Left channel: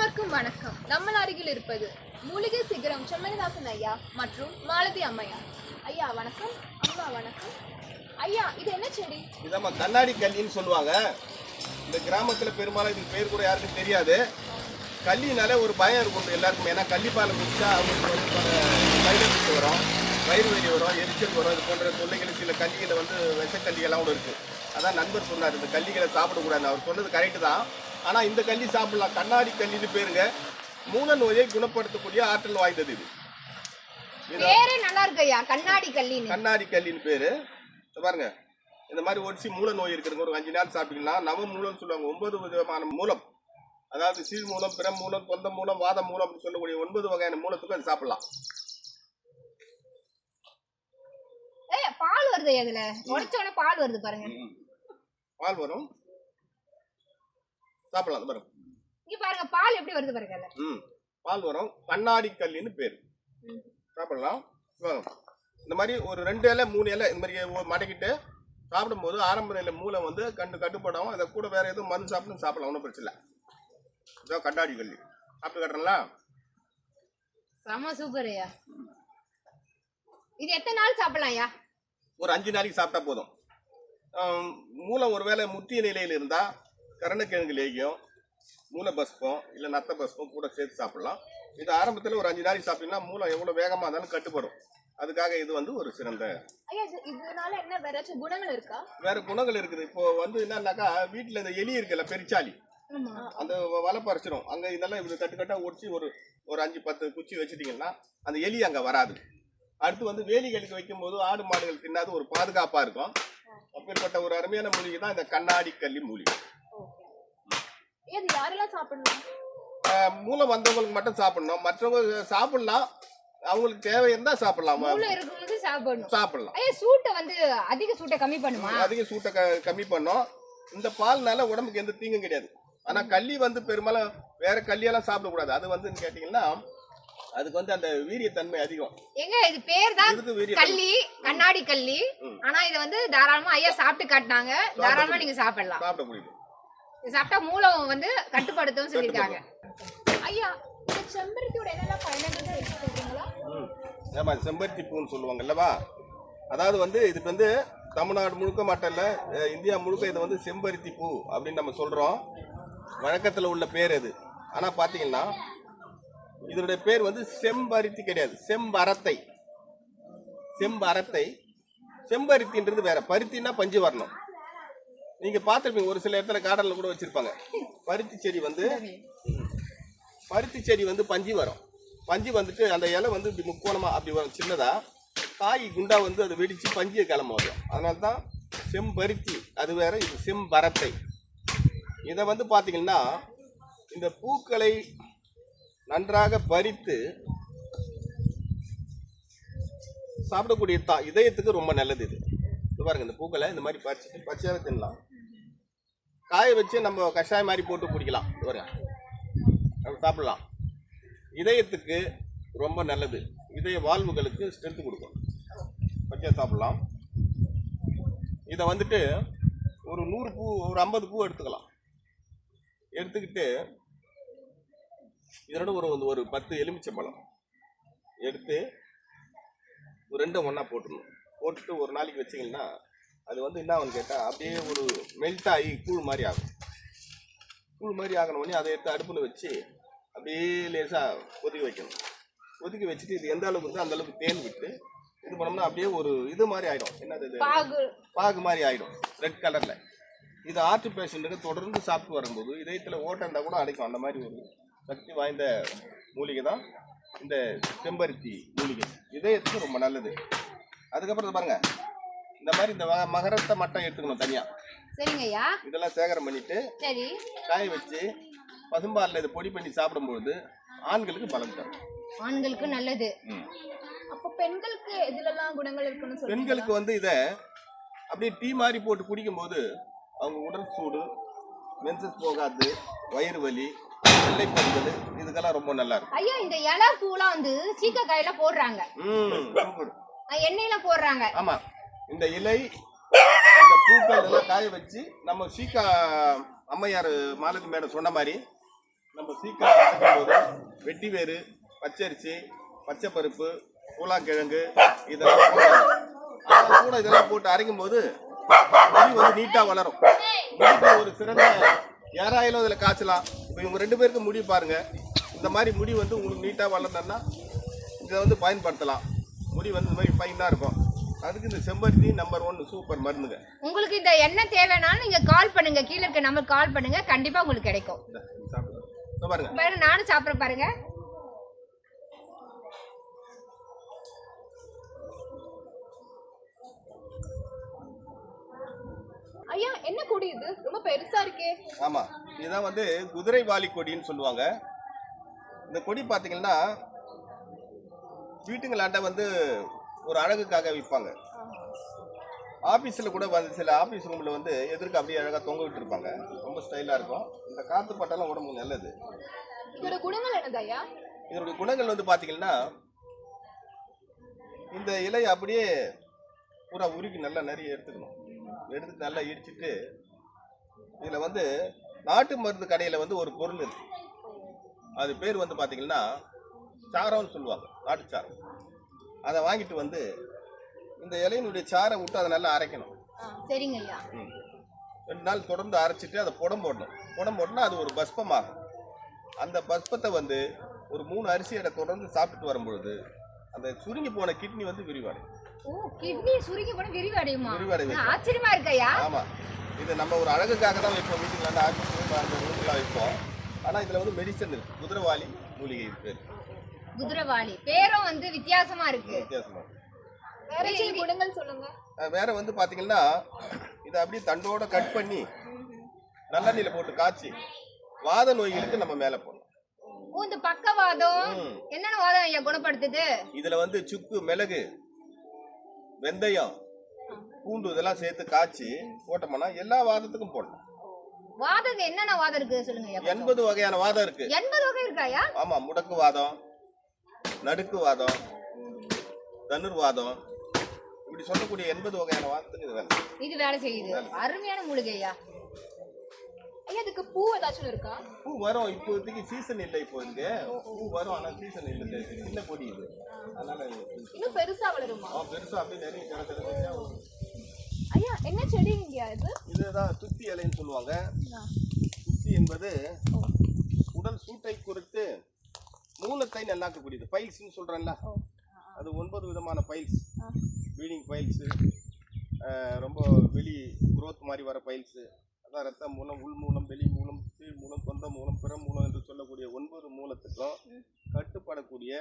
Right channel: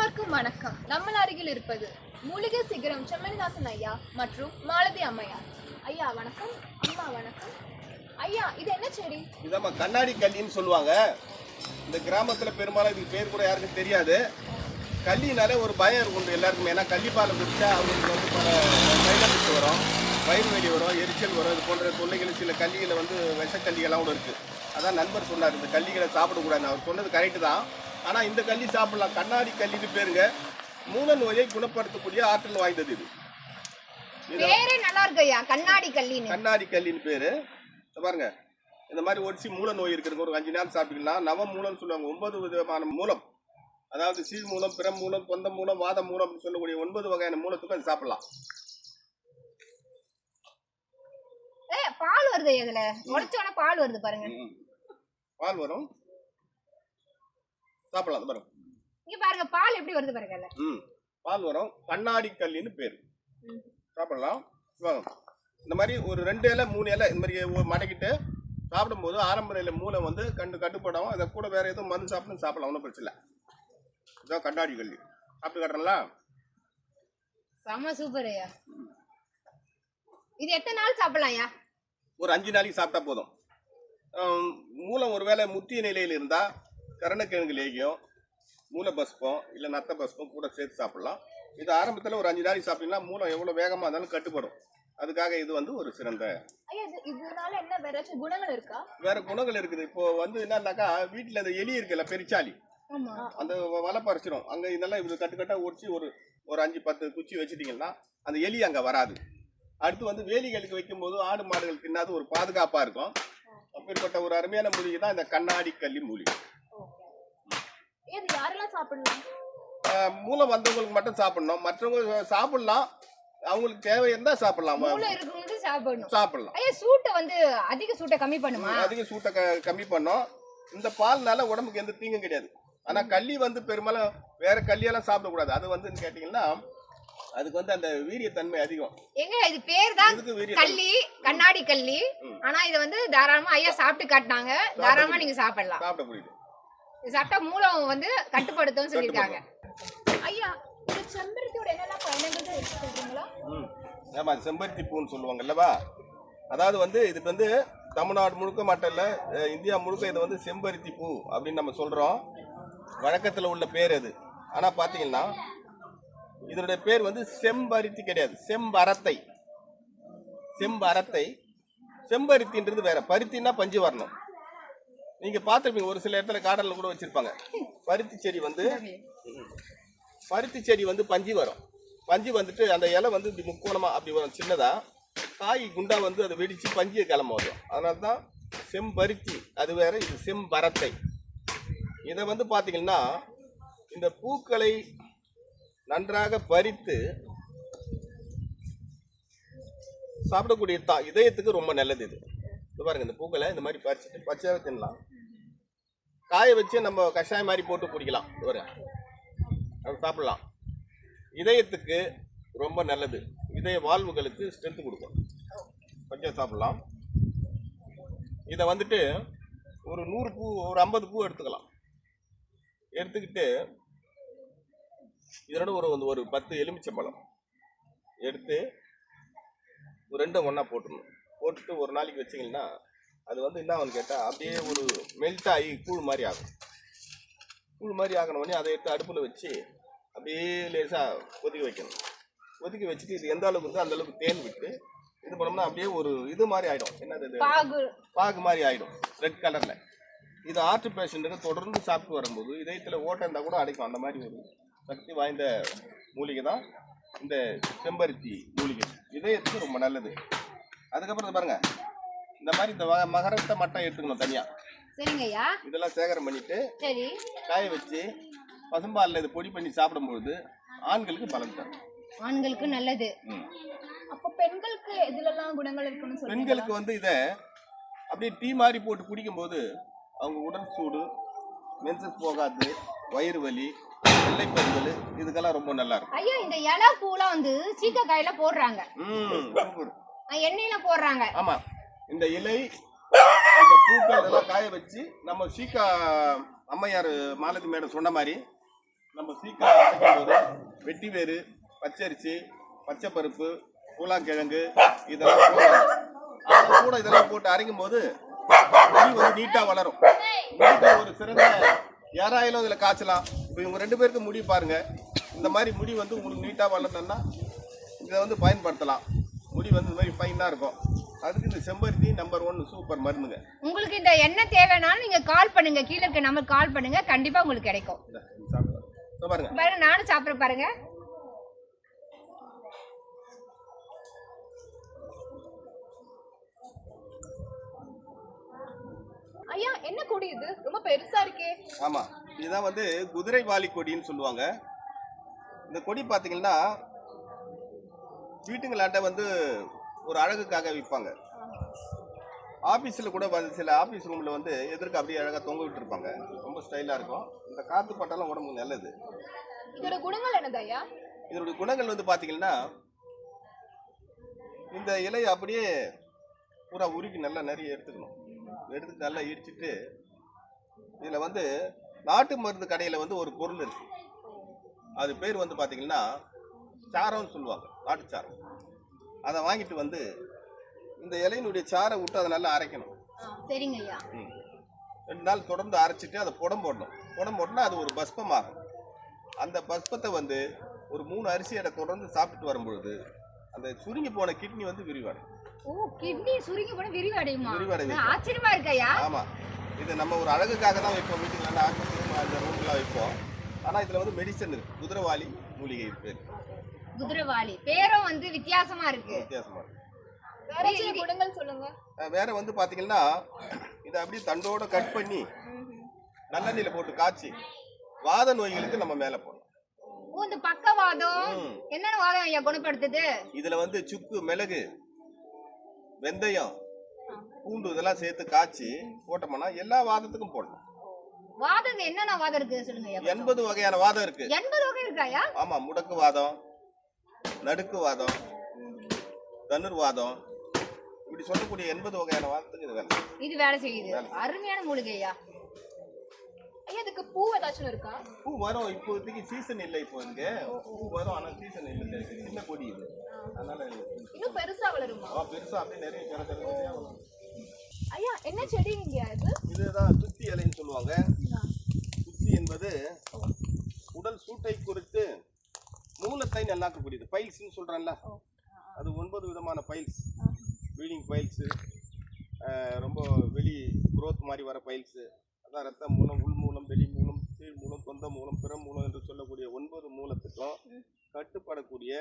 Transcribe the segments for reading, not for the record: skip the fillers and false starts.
அனைவருக்கும் வணக்கம். நம்ம அருகில் இருப்பது மூலிகை சிகரம் செம்மணிதாசன் ஐயா மற்றும் மாலதி அம்மையார். ஐயா வணக்கம், அம்மா வணக்கம். ஐயா, இது என்ன செடி? இதாம்மா கண்ணாடி கல்லின்னு சொல்லுவாங்க. இந்த கிராமத்தில் பெரும்பாலும் இதுக்கு பேர் கூட யாருக்கும் தெரியாது. கல்லினாலே ஒரு பயம் இருக்கும் எல்லாருக்குமே. ஏன்னா கள்ளிப்பாலை குடிச்சா அவங்களுக்கு வந்து பல சைடு எஃபெக்ட் வரும், வயிறு வலி வரும், எரிச்சல் வரும். இது போன்ற தொல்லைகள் சில கல்லிகளை வந்து விஷக்கல்லிகள்லாம் கூட இருக்குது. அதான் நண்பர் சொன்னார், இந்த கல்லிகளை சாப்பிடக்கூடாது. அவர் சொன்னது கரெக்டு தான். ஆனால் இந்த கல்லி சாப்பிடலாம். கண்ணாடி கல்லின்னு பேருங்க. மூல நோயை குணப்படுத்தக்கூடிய ஆற்றல் வாய்ந்தது இது. பேரே நல்லா இருக்கு ஐயா, கண்ணாடி கல்லின்னு. கண்ணாடி கல்லின்னு பேரு. பாருங்க, இந்த மாதிரி ஒடிச்சு மூல நோய் இருக்கிறவங்க ஒரு 5 நாள் சாப்பிட்டுக்கலாம். நவ மூலம்னு சொல்லுவாங்க. 9 விதமான மூலம், அதாவது சீழ் மூலம், பிற மூலம், தொந்த மூலம், வாத மூலம் சொல்லக்கூடிய 9 வகையான மூலத்துக்கு அது சாப்பிடலாம். பால் வருது, இதுல உடைச்சோட பால் வருது பாருங்க. பால் வரும், சாப்பிடலாம். பாருங்க, இங்க பாருங்க பால் எப்படி வருது பாருங்க. பால் வரும். கண்ணாடி கல்லின்னு பேரு. சாப்பிடலாம். இந்த மாதிரி ஒரு 2 இலை 3 இலை இந்த மாதிரி மடக்கிட்டு சாப்பிடும்போது ஆரம்ப நிலை மூளை வந்து கட்டுப்படாமல் அதை கூட வேற எதுவும் மருந்து சாப்பிடலாம். ஒன்றும் பிரச்சனை இல்லை. இதான் கண்ணாடி கல்லி. சாப்பிட்டு கட்டுறங்களா? செம சூப்பர் ஐயா. இது எத்தனை நாள் சாப்பிடலாம் ஐயா? ஒரு 5 நாளைக்கு சாப்பிட்டா போதும். மூலம் ஒரு வேளை முத்திய நிலையில் இருந்தால் கருணக்கிழங்கு லேகியம், மூளை பஸ்பம் இல்லை நத்த பஸ்பம் கூட சேர்த்து சாப்பிடலாம். இது ஆரம்பத்தில் ஒரு 5 நாளைக்கு சாப்பிட்டீங்கன்னா மூலம் எவ்வளோ வேகமாக இருந்தாலும் கட்டுப்படும். அதுக்காக இது வந்து ஒரு சிறந்த. இதனால என்ன வேற குணங்கள் இருக்கா? வேற குணங்கள் இருக்குது. இப்போ வந்து என்னன்னாக்கா, வீட்டில் இந்த எலி இருக்குல்ல, பெருச்சாலி, அந்த வலை பறிச்சிடும். அங்கே இதெல்லாம் இது கட்டுக்கட்டா ஒடிச்சு ஒரு 5-10 குச்சி வச்சுட்டீங்கன்னா அந்த எலி அங்கே வராது. அடுத்து வந்து வேலிகளுக்கு வைக்கும்போது ஆடு மாடுகள் தின்னாது ஒரு பாதுகாப்பாக இருக்கும். அப்பேற்பட்ட ஒரு அருமையான மூலிகை தான் இந்த கண்ணாடி கல்லி மூலிகை. இது யாரெல்லாம் சாப்பிடலாம்? மூலம் வந்தவங்களுக்கு மட்டும் சாப்பிடணும். மற்றவங்க சாப்பிடலாம், அவங்களுக்கு தேவை இருந்தா சாப்பிடலாம். சாப்பிடலாம். சூட்டை வந்து அதிக சூட்டை கம்மி பண்ணுமா? அதிக சூட்டை கம்மி பண்ணும். இந்த பால்னால உடம்புக்கு எந்த தீங்கும் கிடையாது. ஆனா கள்ளி வந்து பெரும்பாலும் வேற கல்லியெல்லாம் சாப்பிடக்கூடாது. அது வந்து கேட்டீங்கன்னா அதுக்கு வந்து அந்த வீரியத்தன்மை அதிகம். எங்க இது பேர் தான் கல்லி, கண்ணாடி கல்லி. ஆனா இத வந்து தாராளமா ஐயா சாப்பிட்டு காட்டினாங்க. தாராளமா நீங்க சாப்பிடலாம். சாப்பிட முடியுது. இது சாப்பிட்டா மூலம் வந்து கட்டுப்படுத்தும் சொல்லிருக்காங்க. ஐயா, இந்த செம்பருத்தியோட என்னெல்லாம் பயன்கள் இருக்கு சொல்றீங்களா? ஆமா, செம்பருத்தி பூன்னு சொல்லுவாங்கல்லவா. அதாவது வந்து இதுக்கு வந்து தமிழ்நாடு முழுக்க மட்டும் இல்ல, இந்தியா முழுக்க இதை வந்து செம்பருத்தி பூ அப்படின்னு நம்ம சொல்றோம். வழக்கத்தில் உள்ள பேர் அது. ஆனா பாத்தீங்கன்னா இதனுடைய பேர் வந்து செம்பருத்தி கிடையாது, செம்பரத்தை. செம்பரத்தை. செம்பருத்தின்றது வேற. பருத்தின்னா பஞ்சு வரணும். நீங்க பார்த்துருப்பீங்க, ஒரு சில இடத்துல காடல்ல கூட வச்சிருப்பாங்க. பருத்தி செடி வந்து பஞ்சு வரும். பஞ்சு வந்துட்டு அந்த இலை வந்து இப்படி முக்கோணமா அப்படி வரும், சின்னதா. காய் குண்டா வந்து அதை வெடிச்சு பஞ்சியை கிளம்ப வரும். அதனால தான் செம்பருத்தி. அது வேற, இது செம்பரத்தை. இதை வந்து பார்த்தீங்கன்னா இந்த பூக்களை நன்றாக பறித்து சாப்பிடக்கூடிய இதயத்துக்கு ரொம்ப நல்லது. இது பாருங்க, இந்த பூக்களை இந்த மாதிரி பறிச்சுட்டு பச்சையாக தின்னலாம். காய வச்சு நம்ம கஷாயம் மாதிரி போட்டு குடிக்கலாம். சாப்பிடலாம். இதயத்துக்கு ரொம்ப நல்லது. இதய வாழ்வுகளுக்கு ஸ்ட்ரென்த் கொடுக்கும். பச்சை சாப்பிடலாம். இதை வந்துட்டு ஒரு 100 பூ, ஒரு 50 பூ எடுத்துக்கலாம். எடுத்துக்கிட்டு இதோட ஒரு 10 எலுமிச்சம்பழம் எடுத்து ஒரு 2 ஒன்றா போட்டுடணும். போட்டுட்டு ஒரு நாளைக்கு வச்சிங்கன்னா அது வந்து என்ன ஆகுன்னு கேட்டால் அப்படியே ஒரு மெல்ட் ஆகி கூழ் மாதிரி ஆகும். கூழ் மாதிரி ஆகணுன்னே அதை எடுத்து அடுப்பில் வச்சு அப்படியே லேசாக கொதிக்க வைக்கணும். கொதிக்க வச்சுட்டு இது எந்த அளவுக்கு இருந்தோ அந்த அளவுக்கு தேன் விட்டு இது பண்ணோம்னா அப்படியே ஒரு இது மாதிரி ஆகிடும். என்னது, பாகு மாதிரி ஆகிடும், ரெட் கலரில். இது ஹார்ட் பேஷண்ட்டுக்கு தொடர்ந்து சாப்பிட்டு வரும்போது இதயத்தில் ஓட்டம் இருந்தால் கூட அடைக்கும். அந்த மாதிரி ஒரு சக்தி வாய்ந்த மூலிகை தான் இந்த செம்பருத்தி மூலிகை. இதயத்துக்கு ரொம்ப நல்லது. அதுக்கப்புறம் பாருங்க, இந்த மாதிரி இந்த மகரத்தை மட்டும் எடுத்துக்கணும் தனியா. சரிங்க ஐயா. இதெல்லாம் சேகரம் பண்ணிட்டு சரி காய வச்சு பசும்பாலில் இதை பொடி பண்ணி சாப்பிடும்போது ஆண்களுக்கு பலம் தரும். ஆண்களுக்கு நல்லது. அப்ப பெண்களுக்கு எதுலெல்லாம் குணங்கள் இருக்குன்னு சொல்லுங்க. பெண்களுக்கு வந்து இதை அப்படியே டீ மாதிரி போட்டு குடிக்கும்போது அவங்க உடல் சூடு, மென்சஸ் போகாது, வயிறு வலி, வெள்ளைப்பருகள், இதுக்கெல்லாம் ரொம்ப நல்லா இருக்கும். ஐயா, இந்த இலை பூலாம் வந்து சீக்காய்ல போடுறாங்க, எண்ணெயில போடுறாங்க. ஆமா, இந்த இலை, இந்த பூக்கள் எல்லாம் காய வச்சு நம்ம சீக்கா அம்மையார் மாலதி மேடம் சொன்ன மாதிரி நம்ம சீக்கிரம் அரைக்கும் போது வெட்டி வேறு, பச்சரிசி, பச்சை பருப்பு, பூலாங்கிழங்கு இதெல்லாம் போடணும். அதெல்லாம் கூட இதெல்லாம் போட்டு அரைக்கும் போது முடி வந்து நீட்டாக வளரும். முடிக்கு ஒரு சிறந்த ஏர் ஆயிலும் இதில் காய்ச்சலாம். இப்போ இவங்க 2 பேருக்கு முடி பாருங்க, இந்த மாதிரி முடி வந்து உங்களுக்கு நீட்டாக வளரணும்னா இதை வந்து பயன்படுத்தலாம். முடி வந்து இந்த மாதிரி ஃபைனாக இருக்கும். அதுக்கு இந்த செம்பருத்தி நம்பர் 1 சூப்பர் மருந்துங்க. உங்களுக்கு இந்த எண்ணெய் தேவைனாலும் நீங்க கால் பண்ணுங்க, கீழே இருக்க நம்பர் கால் பண்ணுங்க, கண்டிப்பா உங்களுக்கு கிடைக்கும். பாருங்க பாருங்க, நானும் சாப்பிட்றேன் பாருங்க. ஐயா என்ன கொடி இது ரொம்ப பெருசா இருக்கே? ஆமா, இதுதான் வந்து குதிரை வாலி கொடின்னு சொல்லுவாங்க. இந்த கொடி பார்த்தீங்கன்னா வீட்டுங்களாண்ட வந்து ஒரு அழகுக்காக விற்பாங்க. ஆஃபீஸில் கூட வந்து சில ஆஃபீஸ் ரூமில் வந்து எதிர்க்க அப்படியே அழகாக தொங்க விட்டுருப்பாங்க. ரொம்ப ஸ்டைலாக இருக்கும். இந்த காற்று பட்டாலும் உடம்புக்கு நல்லது. இதோட குணங்கள் என்னது ஐயா? இதோட குணங்கள் வந்து பார்த்தீங்கன்னா இந்த இலையை அப்படியே பூரா உருக்கி நல்லா நிறைய எடுத்துக்கணும். எடுத்து நல்லா இடிச்சிட்டு இதில் வந்து நாட்டு மருந்து கடையில் வந்து ஒரு பொருள் இருக்கு. அது பேர் வந்து பார்த்தீங்கன்னா சாரம்னு சொல்லுவாங்க, நாட்டு சாரம். அதை வாங்கிட்டு வந்து இந்த இலையினுடைய சாரை விட்டு அதை நல்லா அரைக்கணும். சரிங்க ஐயா. 2 நாள் தொடர்ந்து அரைச்சிட்டு அதை புடம் போடணும். புடம் போட்டோன்னா அது ஒரு பஸ்பமாகும். அந்த பஸ்பத்தை வந்து ஒரு 3 அரிசி எடை தொடர்ந்து சாப்பிட்டு வரும்பொழுது அந்த சுருங்கி போன கிட்னி வந்து விரிவடையும். ஓ, கிட்னி சுருங்கி போன விரிவடையுமா? விரிவடையும். ஆச்சரியமா இருக்கு ஐயா. ஆமா, இது நம்ம ஒரு அழகுக்காக தான் வைப்போம். வீட்டுக்கு நல்லா ஆஃபீஸ் அந்த ரூம்லாம் வைப்போம். ஆனால் இதில் வந்து மெடிசன் இருக்கு. குதிரைவாலி மூலிகை பேர். குதிரைவாலி பேரும் வந்து வித்தியாசமா இருக்கு. வித்தியாசமா இருக்கு. வேற சில குணங்கள் சொல்லுங்க. வேற வந்து பாத்தீங்கன்னா இதை அப்படியே தண்டோட கட் பண்ணி நல்லெண்ணெயில போட்டு காய்ச்சி வாத நோய்களுக்கு நம்ம மேல போடணும். ஓ, இந்த பக்கவாதம் என்னென்ன வாதம் ஐயா குணப்படுத்துது? இதுல வந்து சுக்கு, மிளகு, வெந்தயம், பூண்டு இதெல்லாம் சேர்த்து காய்ச்சி போட்டோம்னா எல்லா வாதத்துக்கும் போடலாம். வாதம் என்னென்ன வாதம் இருக்கு சொல்லுங்க ஐயா. 80 வகையான வாதம் இருக்கு. 80 வகை இருக்கா ஐயா? ஆமா, முடக்கு வாதம், நடுக்கு வாதம், தனுர்வாதம், இப்படி சொல்லக்கூடிய 80 வகையான வாதத்துக்கு இது வேலை செய்யுது. அருமையான மூலிகை ஐயா. ஐயா இதுக்கு பூ ஏதாச்சும் இருக்கா? பூ வரும். இப்போதைக்கு சீசன் இல்லை. இப்போ இங்க பூ வரும், ஆனா சீசன் இல்லை. சின்ன கொடி இது, அதனால இன்னும் பெருசா வளருமா? பெருசா அப்படியே நிறைய செடியா வரும். ஐயா என்ன செடி இங்க இது? இதுதான் துத்தி இலைன்னு சொல்லுவாங்க. துத்தி என்பது உடல் சூட்டை குறித்து மூலத்தை நல்லாக்கக்கூடியது. பைல்ஸ்ன்னு சொல்றேன்ல, அது 9 விதமான பைல்ஸ். ப்ளீடிங் பைல்ஸு, ரொம்ப வெளி குரோத் மாதிரி வர பைல்ஸு, அதான் ரத்த மூலம், உள் மூலம், வெளி மூலம், கீழ் மூலம், தொந்த மூலம், பிற மூலம் என்று சொல்லக்கூடிய 9 மூலத்துக்கும் கட்டுப்படக்கூடிய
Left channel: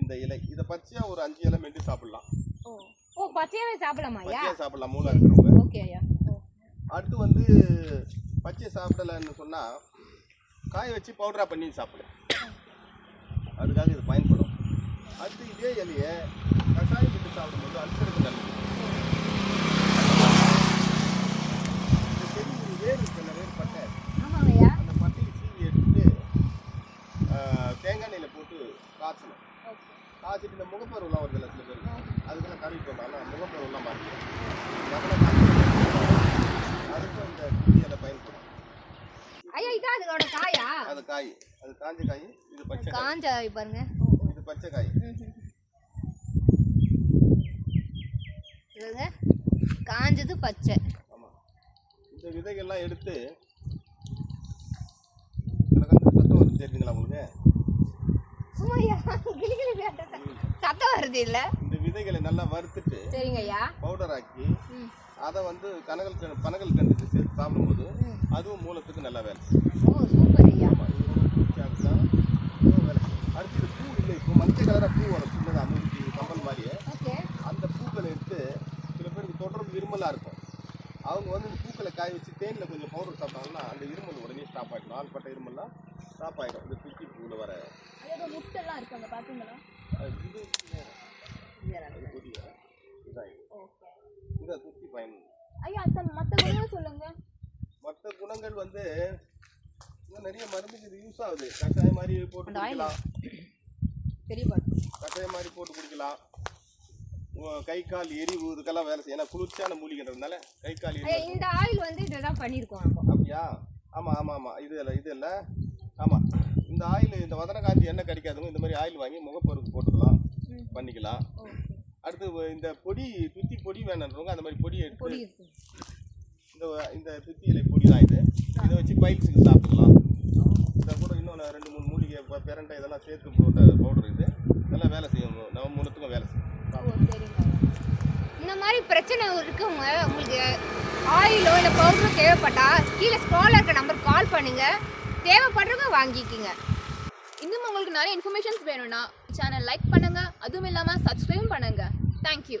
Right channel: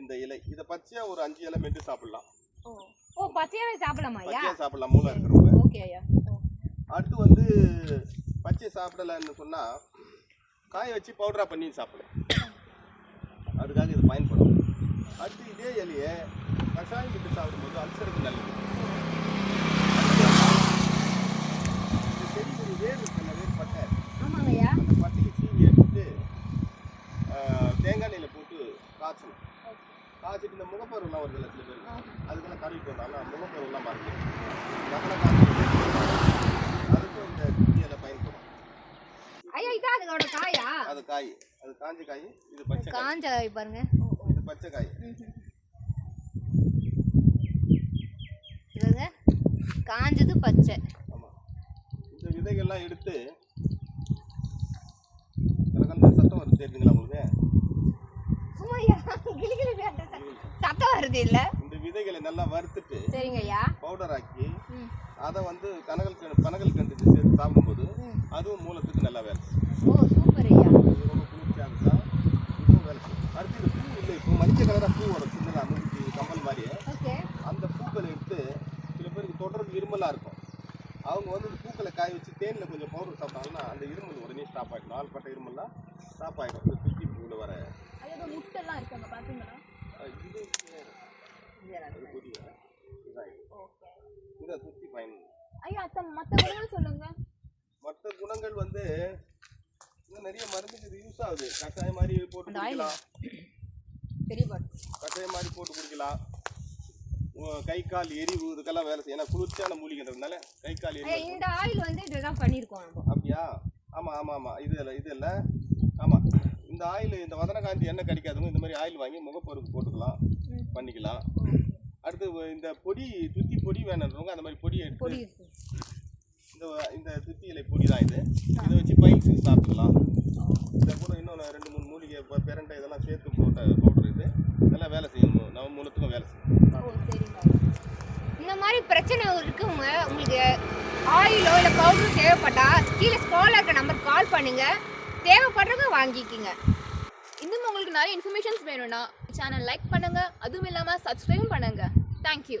இந்த இலை. இதை பச்சையா ஒரு 5 இலை மென்று சாப்பிடலாம். ஓ, பச்சையாவே சாப்பிடலாமா ஐயா? பச்சையா சாப்பிடலாம் மூலம் இருக்கிறவங்க. ஓகே ஐயா. அடுத்து வந்து பச்சை சாப்பிடலன்னு சொன்னா காய வச்சு பவுடரா பண்ணி சாப்பிடலாம். அதுக்காக இது பயன்படும். அடுத்து இதே இலையை கஷாயம் விட்டு சாப்பிடும்போது அல்சருக்கு நல்லது. இந்த செடி வேர் இருக்குல்ல, வேர் பட்டை, ஆமாங்க ஐயா. அந்த பட்டையை சீவி எடுத்துட்டு தேங்காய் எண்ணெயில் போட்டு காய்ச்சணும். காய்ச்சிட்டு இந்த முகப்பருவெல்லாம் வருதுல்ல சில பேர், அதுக்கெல்லாம் கழுவிட்டு வந்தாலும் முகப்பருவெல்லாம் பாருங்க, அதுக்கும் இந்த குட்டி இலை பயன்படும். ஐயா இதான் அதோட காயா? அது காய், அது காஞ்ச காய். இது பச்சை காய். காஞ்ச பாருங்க, இது பச்சை காய். இதுங்க காஞ்சது பச்சை. ஆமா, இந்த விதைகள்லாம் எடுத்து சத்தம் வருது தெரியுதுங்களா உங்களுக்கு? சத்தம் வருது இல்ல? இந்த விதைகளை நல்லா வறுத்துட்டு சரிங்க ஐயா பவுடர் ஆக்கி அதை வந்து பனகல் கண்டுக்கு சேர்த்து சாப்பிடும்போது அதுவும் மூலத்துக்கு நல்லா வேலை. ஓ சூப்பர் ஐயா. அடுத்து பூ இல்லை, இப்போ மஞ்சள் கலராக பூ வரும் சின்னதாக, நூற்றி கம்பல் மாதிரியே. ஓகே. அந்த பூக்களை எடுத்து சில பேருக்கு தொடர்ந்து இருமலாக இருக்கும், அவங்க வந்து இந்த பூக்களை காய வச்சு தேனில் கொஞ்சம் பவுடர் சாப்பிட்டாங்கன்னா அந்த இருமல் உடனே ஸ்டாப் ஆகிடும். நாள்பட்ட இருமல்லாம் ஸ்டாப் ஆகிடும். இந்த சுற்றி பூவில் வர அதோட முட்டெல்லாம் இருக்கு அங்கே பார்த்தீங்களா? இது இதுதான் இதை சுற்றி பயன். ஐயா மற்ற குணங்கள் சொல்லுங்க. மற்ற குணங்கள் வந்து இன்னும் நிறைய மருந்துக்கு இது யூஸ் ஆகுது. கஷாயம் மாதிரி போட்டு குடிக்கலாம். பெரிய பாட்டு கஷாயம் மாதிரி போட்டு குடிக்கலாம். கை கால் எரிவு இதுக்கெல்லாம் வேலை செய்யும். ஏன்னா குளிர்ச்சியான மூலிகைன்றதுனால கை கால் எரிவு. இந்த ஆயில் வந்து இதுதான் பண்ணியிருக்கோம். அப்படியா? ஆமாம் ஆமாம் ஆமாம். இது இல்லை ஆமாம், இந்த ஆயில் இந்த வதனகாந்தி எண்ணெய் கிடைக்காதவங்க இந்த மாதிரி ஆயில் வாங்கி முகப்பொருக்கு போட்டுக்கலாம், பண்ணிக்கலாம். அடுத்து இந்த பொடி துத்தி பொடி வேணுன்றவங்க அந்த மாதிரி பொடியை எடுத்து இந்த துத்தி இலை பொடி தான் இது. இதை வச்சு பைல்ஸுக்கு சாப்பிட்டுக்கலாம். இதை கூட இன்னொன்று 2-3 மூலிகை பிரண்டை இதெல்லாம் சேர்த்து போட்ட பவுடர் இது. இதெல்லாம் வேலை செய்யணும், நம்ம மூலத்துக்கும் வேலை செய்யும். சரிங்க. இந்த மாதிரி பிரச்சனை இருக்கவங்க உங்களுக்கு ஆயிலோ இல்லை பவுடரோ தேவைப்பட்டா கீழே ஸ்க்ரால் இருக்க நம்பருக்கு கால் பண்ணுங்க, தேவைப்படுறவங்க வாங்கிக்கிங்க. இன்னும் உங்களுக்கு நிறைய இன்ஃபர்மேஷன்ஸ் வேணும்னா சேனல் லைக் பண்ணுங்க, அதுவும் இல்லாமல் சப்ஸ்கிரைப் பண்ணுங்க. தேங்க்யூ.